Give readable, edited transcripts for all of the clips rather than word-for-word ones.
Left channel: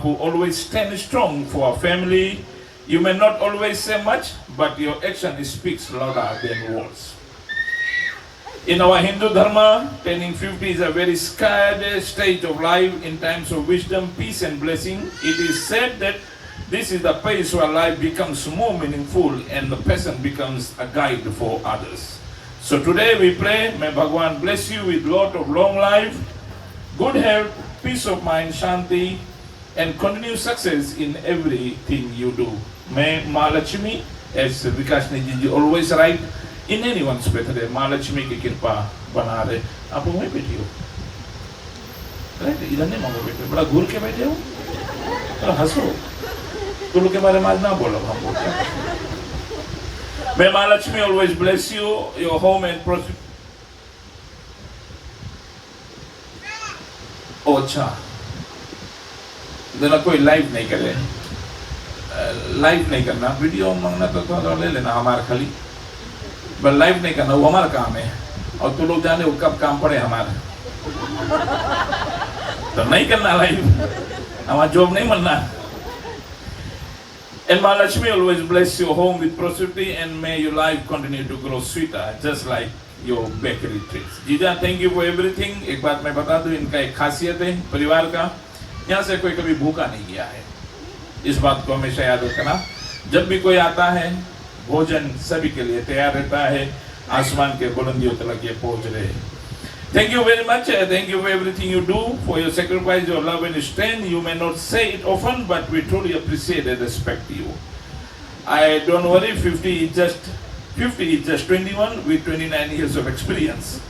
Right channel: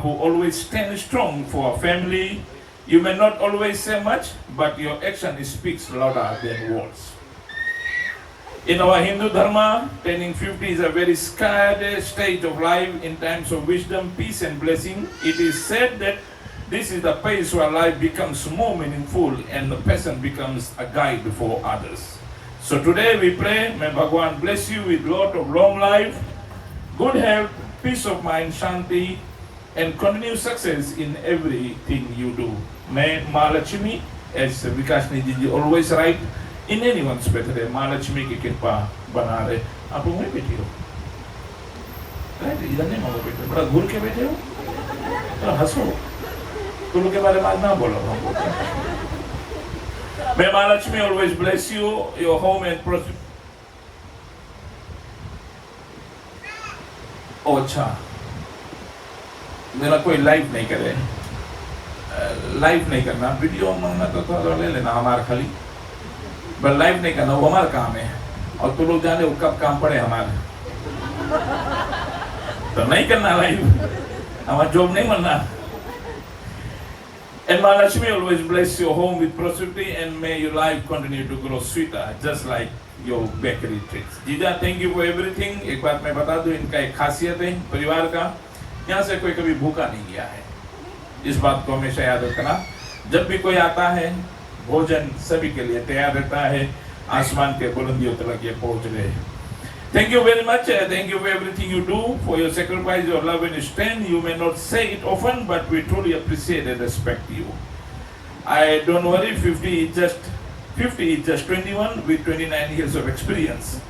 who always stand strong for our family. You may not always say much, but your action speaks louder than words. In our Hindu Dharma, turning 50 is a very scared stage of life in times of wisdom, peace and blessing. It is said that this is the place where life becomes more meaningful and the person becomes a guide for others. So today we pray, may Bhagwan bless you with lot of long life, good health, peace of mind, shanti, and continued success in everything you do. May Mahalakshmi, as Vikas Niji always write, in anyone's birthday, Mahalakshmi की कृपा बना रहे. आप लोग वहीं बैठे हो, right? इधर नहीं मांगो बैठे, बड़ा घूर के बैठे हो, बड़ा हंसो. तुम लोग के बारे में आज ना बोलो, हम बोलते हैं. May Mahalakshmi always bless you, your home and prosper. Oh, अच्छा. जरा कोई लाइव नहीं करे, लाइव नहीं करना, वीडियो मांगना तो थोड़ा ले लेना हमारा खाली, बट लाइव नहीं करना, वो हमारा काम है. और तो लोग जाने वो कब काम पड़े हमारे, तो नहीं करना लाइव, हमारा जॉब नहीं बनना. And Mahalakshmi always bless your home with prosperity and may your life continue to grow sweeter, just like your bakery treats. जीजा, thank you for everything. एक बात मैं बता दूं, इनका एक खासियत है परिवार का, यहाँ से कोई कभी भूखा नहीं गया है. इस बात को हमेशा याद रखना. जब भी कोई आता है, भोजन सभी के लिए तैयार रहता है. आसमान के बुलंदियों तक ये पहुंच रहे. Thank you very much. Thank you for everything you do, for your sacrifice, your love and strength. You may not say it often, but we truly appreciate and respect you. I don't worry, 50 is just 21 with 29 years of experience.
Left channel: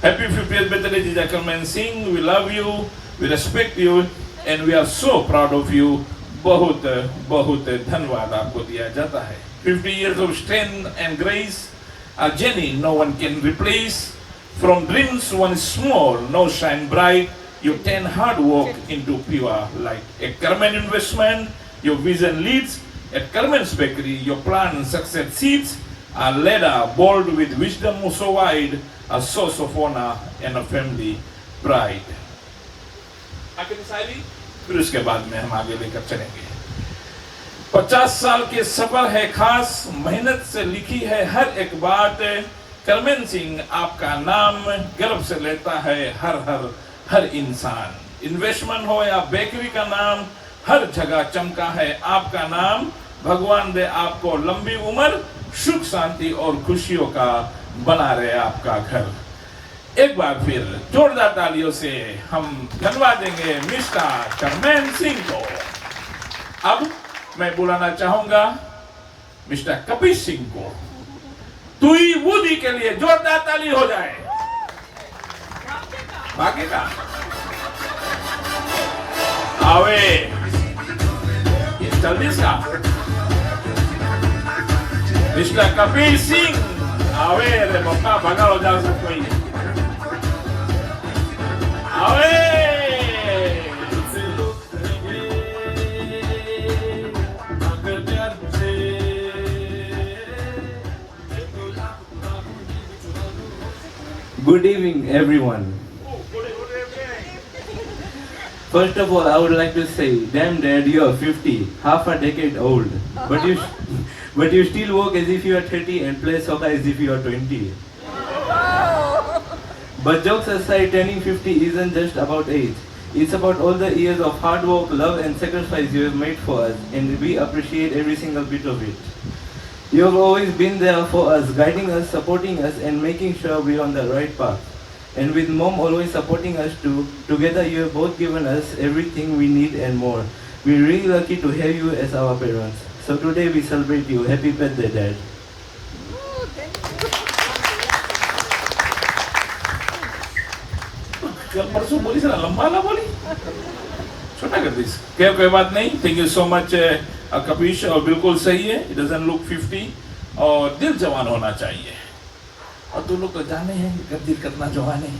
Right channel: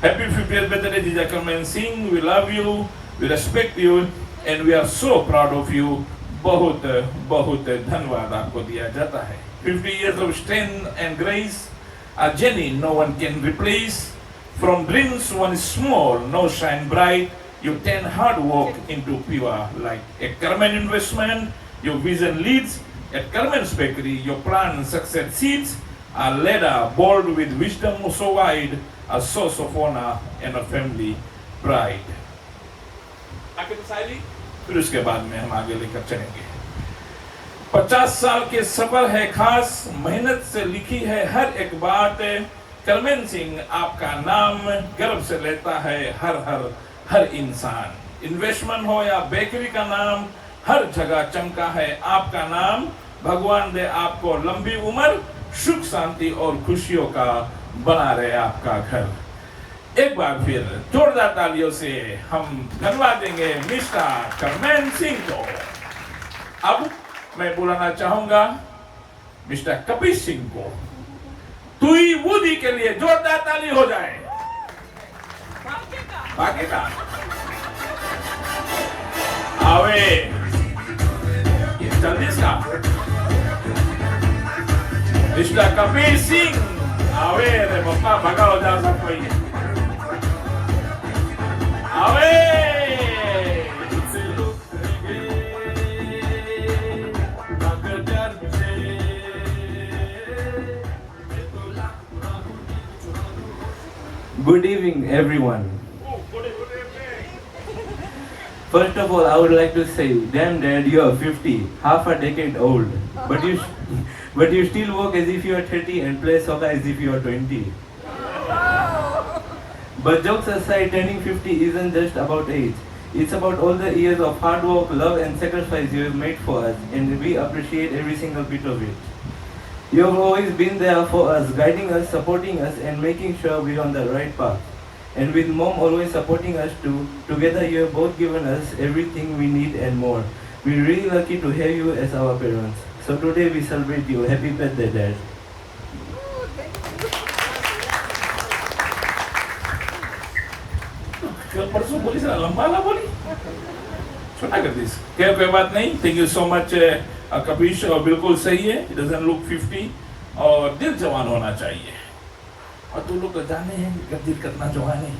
Happy 50th birthday, Jija Karman Singh. We love you, we respect you, and we are so proud of you. बहुत बहुत धन्यवाद आपको दिया जाता है. 50 years of strength and grace, a journey no one can replace. From dreams one small, no shine bright, you turn hard work into pure light. At Carmen Investment, your vision leads. At Carmen's Bakery, your plan and success seeds. A ladder bold with wisdom so wide, a source of honor and a family pride. फिर उसके बाद में हम आगे लेकर चलेंगे. 50 साल के सफर है खास, मेहनत से लिखी है हर एक बात. करमेन सिंह आपका नाम गर्व से लेता है हर इंसान. इन्वेस्टमेंट हो या बेकरी का नाम, हर जगह चमका है आपका नाम. भगवान दे आपको लंबी उम्र, सुख शांति और खुशियों का बना रहे आपका घर. एक बार फिर जोरदार तालियों से हम धन्यवाद देंगे मिस्टर करमेन सिंह को. अब मैं बुलाना चाहूंगा मिस्टर कपिल सिंह को. तुई वुदी के लिए जोरदार ताली हो जाए. भागेगा आवे जल्दी सा. मिस्टर कपिल सिंह आवे रे बप्पा, भागा हो जा सब कोई. Good evening, everyone. First of all, I would like to say, damn dad, you are 50, half a decade old, but you still walk as if you are 30 and play soccer as if you are 20. But jokes aside, turning 50 isn't just about age. It's about all the years of hard work, love and sacrifice you have made for us, and we appreciate every single bit of it. You have always been there for us, guiding us, supporting us, and making sure we're on the right path. And with mom always supporting us too, together you have both given us everything we need and more. We're really lucky to have you as our parents. So today we celebrate you. Happy birthday, Dad. परसों बोली sir लंबा ना बोली, छोटा कर दी. क्या कोई बात नहीं. Thank you so much Kapish. और बिल्कुल सही है, इट डजंट लुक 50 और दिल जवान होना चाहिए. और तुम लोग तो जाने हैं दिल कितना जवान है.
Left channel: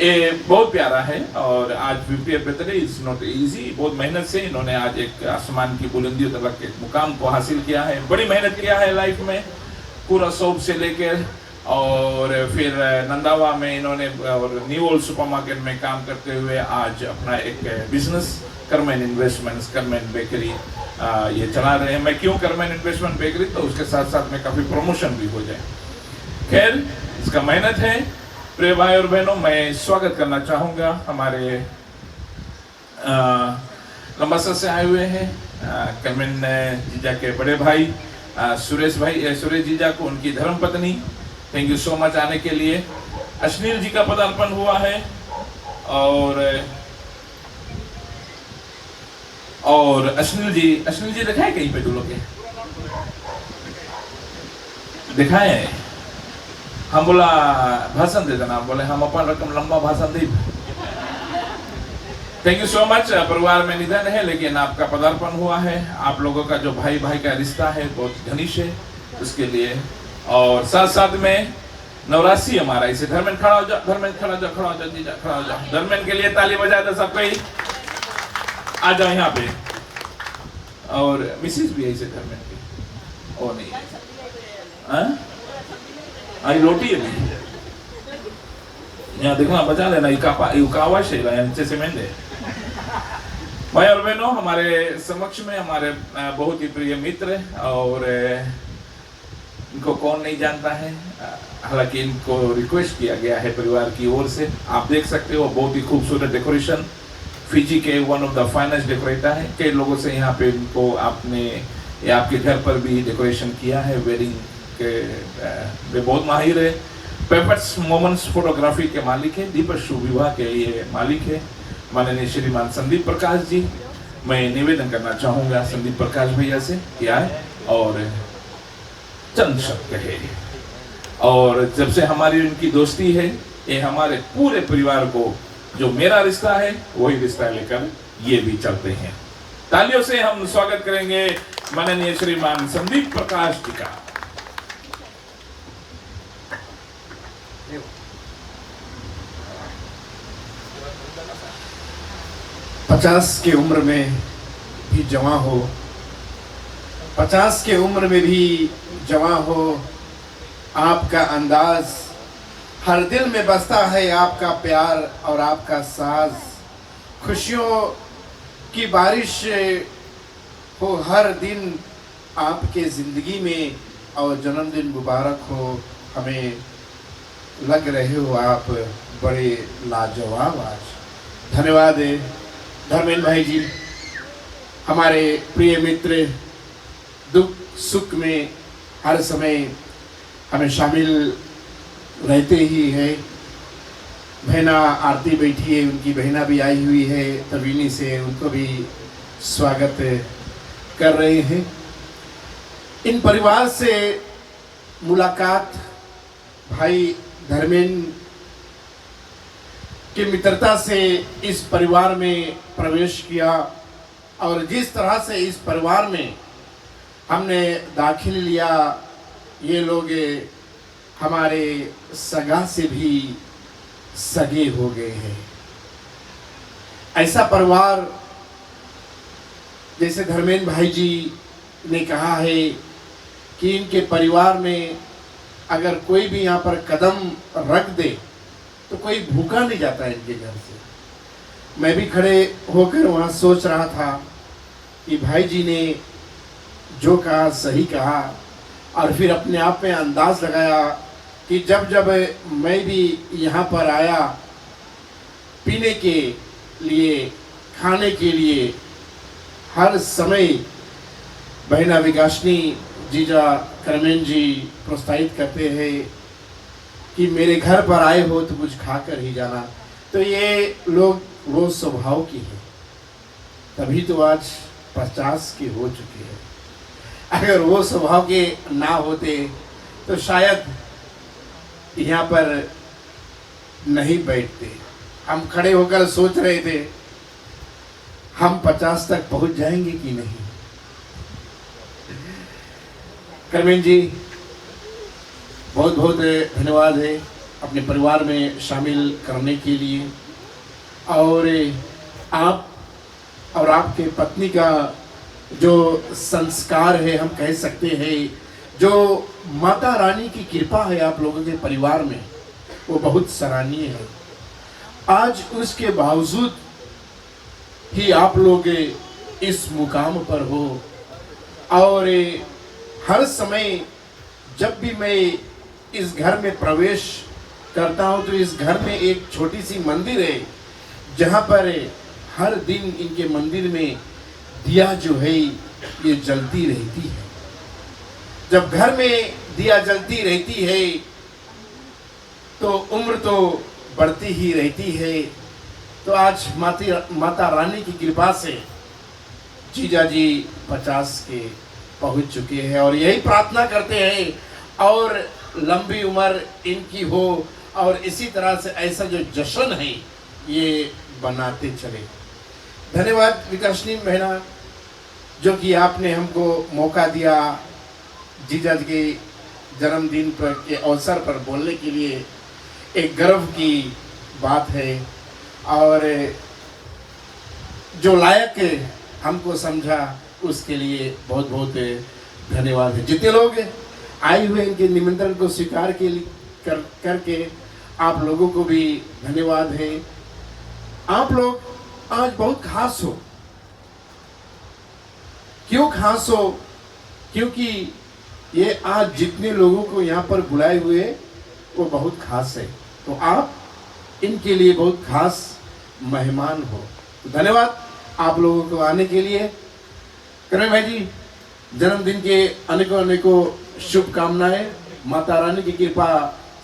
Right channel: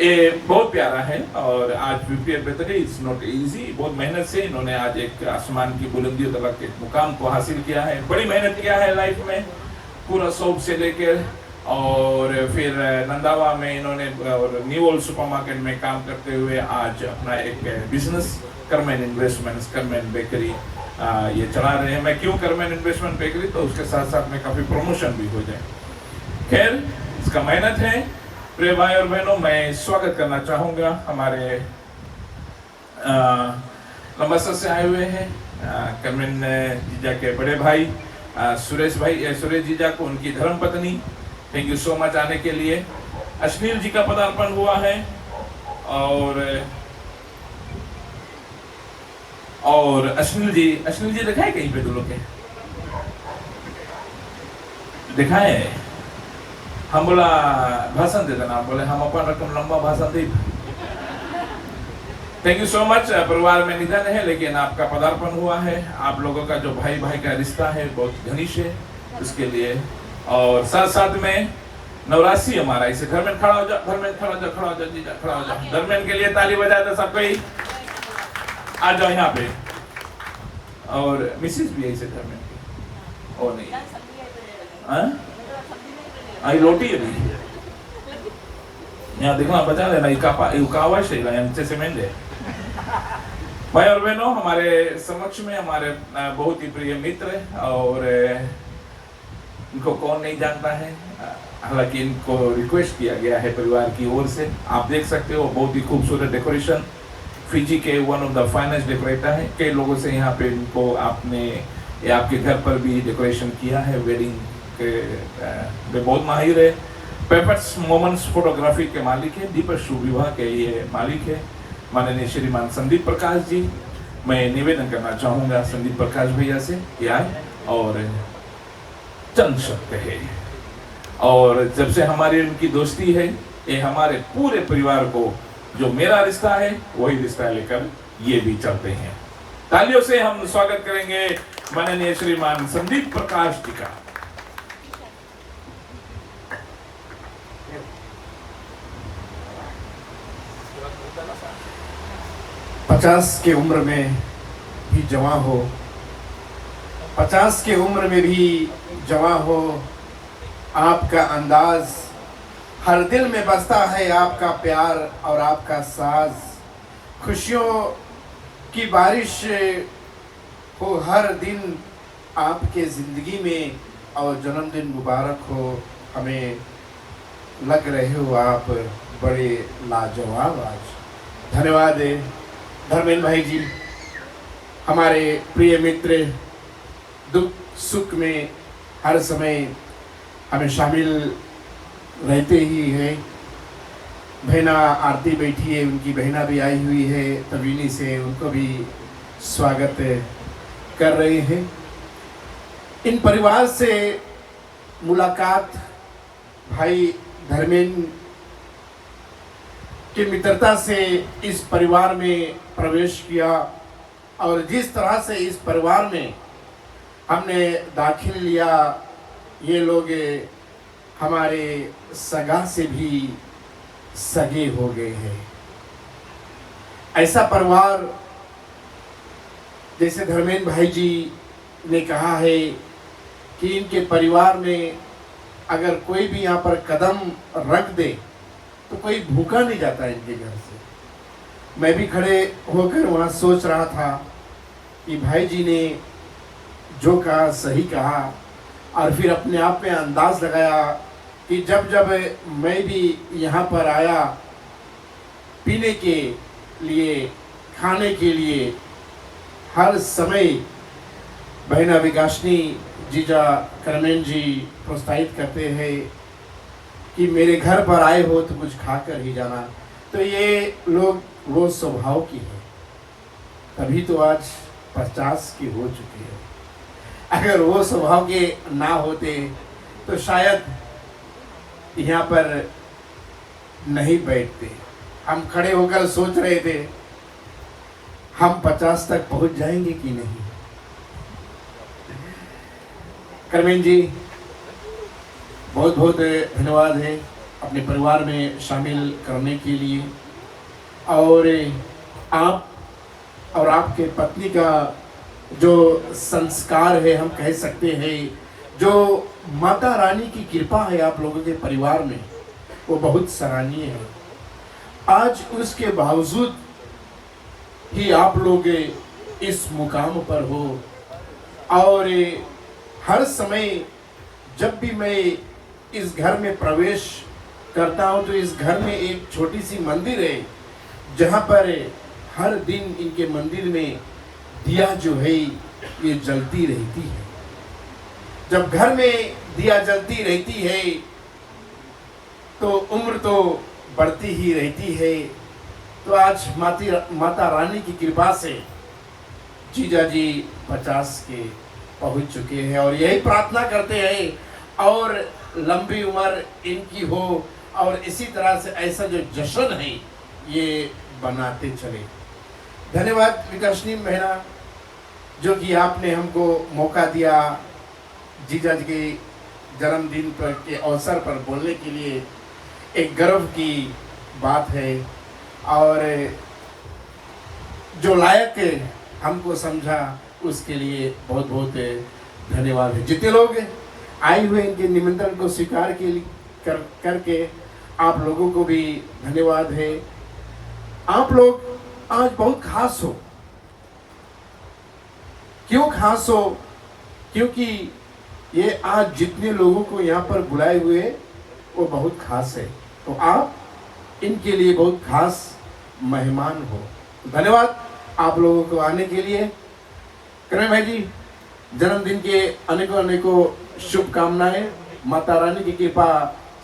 ये बहुत प्यारा है. और आज 50th birthday is not easy. बहुत मेहनत से इन्होंने आज एक आसमान की बुलंदियों तक के मुकाम को हासिल किया है. बड़ी मेहनत किया है लाइफ में, पूरा शौक से लेकर. और फिर नंदावा में इन्होंने और न्यू वर्ल्ड सुपरमार्केट में काम करते हुए आज अपना एक बिजनेस करमैन इन्वेस्टमेंट्स, करमैन बेकरी ये चला रहे हैं। मैं क्यों करमैन इन्वेस्टमेंट बेकरी, तो उसके साथ साथ में काफ़ी प्रमोशन भी हो जाए। खैर, इसका मेहनत है। प्रिय भाई और बहनों, मैं स्वागत करना चाहूँगा हमारे अमृतसर से आए हुए हैं करमैन जीजा के बड़े भाई सुरेश जीजा को, उनकी धर्मपत्नी। थैंक यू सो मच आने के लिए। अश्नील जी का पदार्पण हुआ है और अश्नील जी दिखाए कहीं पे तुम लोग के दिखाए। हम बोला भाषण दे देना, बोले हम अपन रकम लंबा भाषण दे। Thank you so much. परिवार में निधन है लेकिन आपका पदार्पण हुआ है। आप लोगों का जो भाई भाई का रिश्ता है बहुत घनिष्ठ है, उसके लिए। और साथ साथ में नवरासी हमारा, इसे धर्मेन खड़ा हो जा, धर्मेन खड़ा हो जा जीजा, खड़ा हो जा। धर्मेन के लिए ताली बजा दो सब कोई। आ जाओ यहाँ पे। और मिसिस भी है इसे धर्मेन की, और नहीं आई रोटी है नहीं यहाँ देखो, बचा लेना युकावाश है नीचे से मेंढे। भाई और बहनों, हमारे समक्ष में हमारे बहुत ही प्रिय मित्र, और इनको कौन नहीं जानता है, हालांकि इनको रिक्वेस्ट किया गया है परिवार की ओर से। आप देख सकते हो बहुत ही खूबसूरत डेकोरेशन, फिजी के one of the finest decorator है। कई लोगों से यहाँ पे इनको आपने आपके घर पर भी डेकोरेशन किया है, वेडिंग के वे बहुत माहिर है। परफेक्ट मोमेंट्स फोटोग्राफी के मालिक है, दीपक शुभ विवाह के लिए मालिक है माननीय श्रीमान संदीप प्रकाश जी। मैं निवेदन करना चाहूंगा संदीप प्रकाश भैया से क्या और चंद शब्द कहे। और जब से हमारी उनकी दोस्ती है, ये हमारे पूरे परिवार को जो मेरा रिश्ता है वही रिश्ता लेकर ये भी चलते हैं। तालियों से हम स्वागत करेंगे माननीय श्रीमान संदीप प्रकाश जी का। पचास के उम्र में भी जवां हो, 50 के उम्र में भी जवां हो। आपका अंदाज हर दिल में बसता है, आपका प्यार और आपका साज। खुशियों की बारिश हो हर दिन आपके ज़िंदगी में, और जन्मदिन मुबारक हो। हमें लग रहे हो आप बड़े लाजवाब आज। धन्यवाद धर्मेन भाई जी, हमारे प्रिय मित्र। दुख सुख में हर समय हमें शामिल रहते ही है। बहना आरती बैठी है, उनकी बहना भी आई हुई है तवीनी से, उनको भी स्वागत कर रहे हैं। इन परिवार से मुलाकात भाई धर्मेन की मित्रता से इस परिवार में प्रवेश किया, और जिस तरह से इस परिवार में हमने दाखिल लिया, ये लोग हमारे सगा से भी सगे हो गए हैं। ऐसा परिवार, जैसे धर्मेन भाई जी ने कहा है कि इनके परिवार में अगर कोई भी यहाँ पर कदम रख दे तो कोई भूखा नहीं जाता इनके घर से। मैं भी खड़े होकर वहाँ सोच रहा था कि भाई जी ने जो कहा सही कहा, और फिर अपने आप में अंदाज लगाया कि जब जब मैं भी यहाँ पर आया पीने के लिए, खाने के लिए, हर समय बहना विकासनी जीजा करमेन जी प्रोत्साहित करते हैं कि मेरे घर पर आए हो तो कुछ खाकर ही जाना। तो ये लोग वो स्वभाव की है, तभी तो आज 50 की हो चुकी है। अगर वो स्वभाव के ना होते तो शायद यहाँ पर नहीं बैठते। हम खड़े होकर सोच रहे थे हम 50 तक पहुंच जाएंगे कि नहीं। करमीन जी, बहुत बहुत धन्यवाद है अपने परिवार में शामिल करने के लिए। और आप और आपके पत्नी का जो संस्कार है, हम कह सकते हैं जो माता रानी की कृपा है आप लोगों के परिवार में, वो बहुत सराहनीय है। आज उसके बावजूद ही आप लोग इस मुकाम पर हो। और हर समय जब भी मैं इस घर में प्रवेश करता हूँ तो इस घर में एक छोटी सी मंदिर है, जहाँ पर हर दिन इनके मंदिर में दिया जो है ये जलती रहती है। जब घर में दिया जलती रहती है तो उम्र तो बढ़ती ही रहती है। तो आज माता रानी की कृपा से जीजा जी 50 के पहुंच चुके हैं और यही प्रार्थना करते हैं और लंबी उम्र इनकी हो और इसी तरह से ऐसा जो जश्न है ये बनाते चले। धन्यवाद विकासनी बहना, जो कि आपने हमको मौका दिया जीजा जी के जन्मदिन पर के अवसर पर बोलने के लिए। एक गर्व की बात है और जो लायक हमको समझा उसके लिए बहुत बहुत धन्यवाद है। जितने लोग आए हुए इनके निमंत्रण को स्वीकार करके आप लोगों को भी धन्यवाद है। आप लोग आज बहुत खास हो। क्यों खास हो? क्योंकि ये आज जितने लोगों को यहाँ पर बुलाए हुए वो बहुत खास है, तो आप इनके लिए बहुत खास मेहमान हो। तो धन्यवाद आप लोगों को आने के लिए। करण भाई जी, जन्मदिन के अनेकों अनेकों शुभकामनाएं। माता रानी की कृपा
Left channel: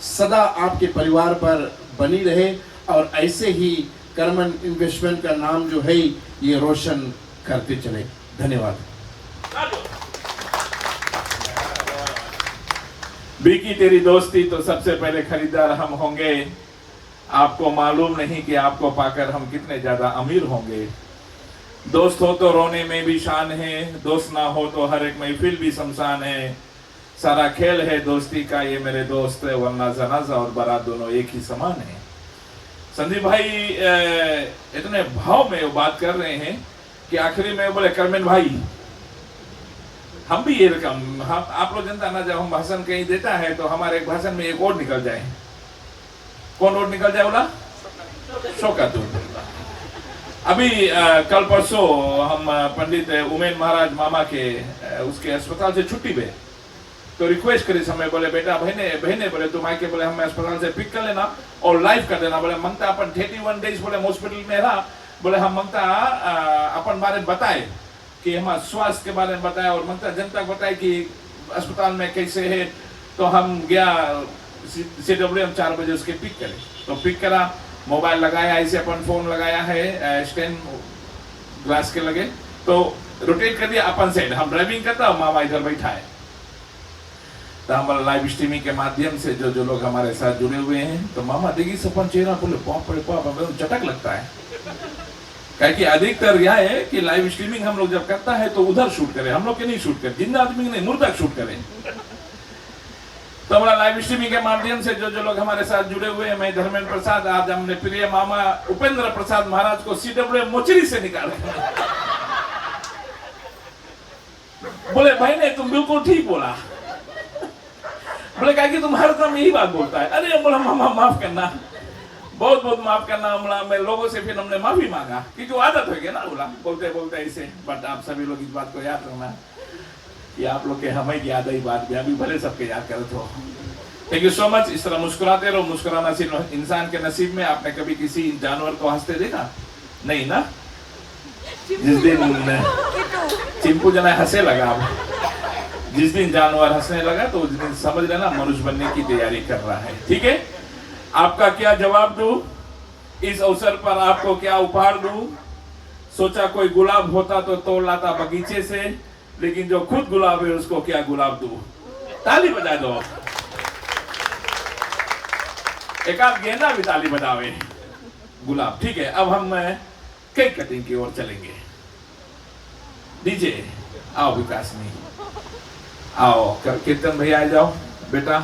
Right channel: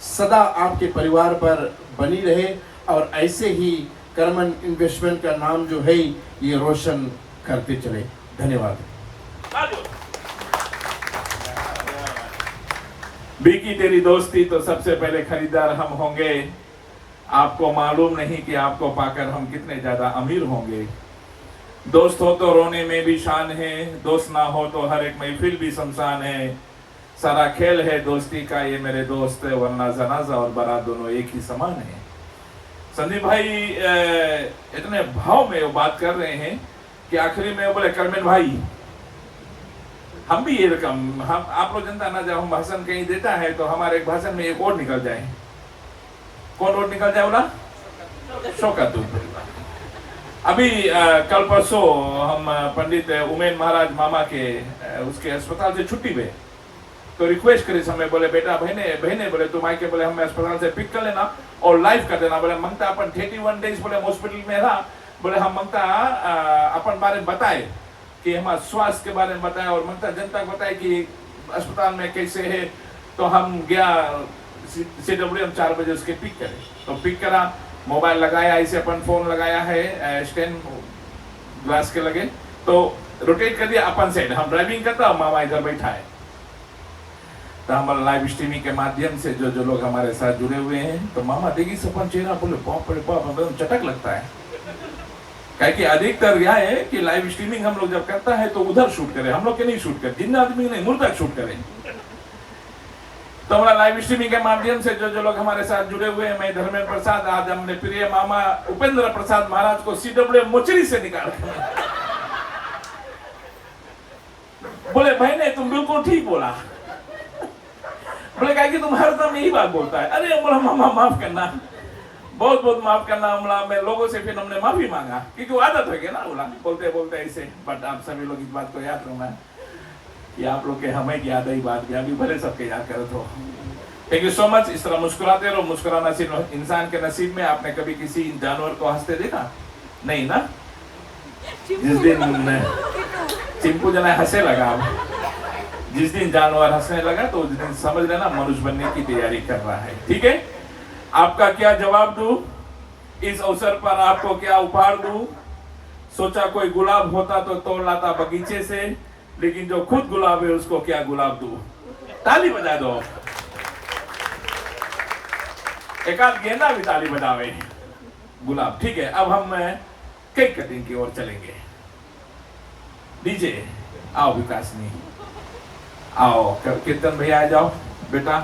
सदा आपके परिवार पर बनी रहे और ऐसे ही करमन इन्वेस्टमेंट का नाम जो है ये रोशन करते चले। धन्यवाद। बीकी तेरी दोस्ती तो सबसे पहले खरीदार हम होंगे। आपको मालूम नहीं कि आपको पाकर हम कितने ज्यादा अमीर होंगे। दोस्त हो तो रोने में भी शान है, दोस्त ना हो तो हर एक महफिल भी शमशान है। सारा खेल है दोस्ती का ये मेरे दोस्त, वरना जनाजा और बारात दोनों एक ही समान है। संदीप भाई इतने भाव में वो बात कर रहे हैं कि आखिरी में बोले करमेन भाई हम भी ये रकम हम आप लोग जनता ना, जब हम भाषण कहीं देता है तो हमारे एक भाषण में एक और निकल जाए। कौन और निकल जाए बोला? शौकत। अभी कल परसों हम पंडित उमेन महाराज मामा के उसके अस्पताल से छुट्टी पे तो रिक्वेस्ट करी हमने, बोले बेटा बहने बोले तुम आके बोले हमें अस्पताल से पिक कर लेना और लाइव कर देना। बोले मंगता अपन 31 डेज बोले हॉस्पिटल में रहा, बोले हम मंगता अपन बारे में बताए कि हमारे स्वास्थ्य के बारे में बताए और मंगता जनता को बताए कि अस्पताल में कैसे है। तो हम गया CW, हम 4 बजे उसके पिक करे तो पिक करा, मोबाइल लगाया, ऐसे अपन फोन लगाया है स्टैंड ग्लास के लगे तो रोटेट कर दिया अपन साइड, हम ड्राइविंग करता और मामा इधर बैठा है। तो हमारा लाइव स्ट्रीमिंग के माध्यम से जो लोग हमारे साथ जुड़े हुए हैं तो मामा देखिए सपन चेहरा बोले पाप चटक लगता है। क्या कि अधिकतर यह है कि लाइव स्ट्रीमिंग हम लोग जब करता है तो उधर शूट करें, हम लोग के नहीं शूट करें, जिंदा आदमी नहीं मुर्दा शूट करें। तो हमारा लाइव स्ट्रीमिंग के माध्यम से जो लोग हमारे साथ जुड़े हुए हैं, मैं धर्मेंद्र प्रसाद, आज हमने प्रिय मामा उपेंद्र प्रसाद महाराज को CW मोचरी से निकाल बोले भाई नहीं तुम बिल्कुल ठीक बोला। बोले कहा कि तुम हर दम यही बात बोलता है। अरे बोला मामा माफ करना, बहुत बहुत माफ करना। हमला में लोगों से फिर हमने माफी मांगा क्योंकि वो आदत हो गया ना बोला बोलते बोलते ऐसे। बट आप सभी लोग इस बात को याद रखना कि आप लोग के हमें याद है बात भी अभी भले सबके याद करो। तो थैंक यू सो मच। इस तरह मुस्कुराते रहो। मुस्कुराना सिर्फ इंसान के नसीब में। आपने कभी किसी जानवर को हंसते देखा? नहीं ना। जिस दिन चिंपू जना हंसे लगा, जिस दिन जानवर हंसने लगा तो उस दिन समझ लेना मनुष्य बनने की तैयारी कर रहा है। ठीक है, आपका क्या जवाब दूं? इस अवसर पर आपको क्या उपहार दूं? सोचा कोई गुलाब होता तो तोड़ लाता बगीचे से, लेकिन जो खुद गुलाब है उसको क्या गुलाब दूं? ताली बजा दो। एक आध गेंदा भी ताली बजावे। गुलाब ठीक है। अब हम केक कटिंग की ओर चलेंगे। डीजे आओ, विकास में आओ, कीर्तन भैया आ जाओ बेटा।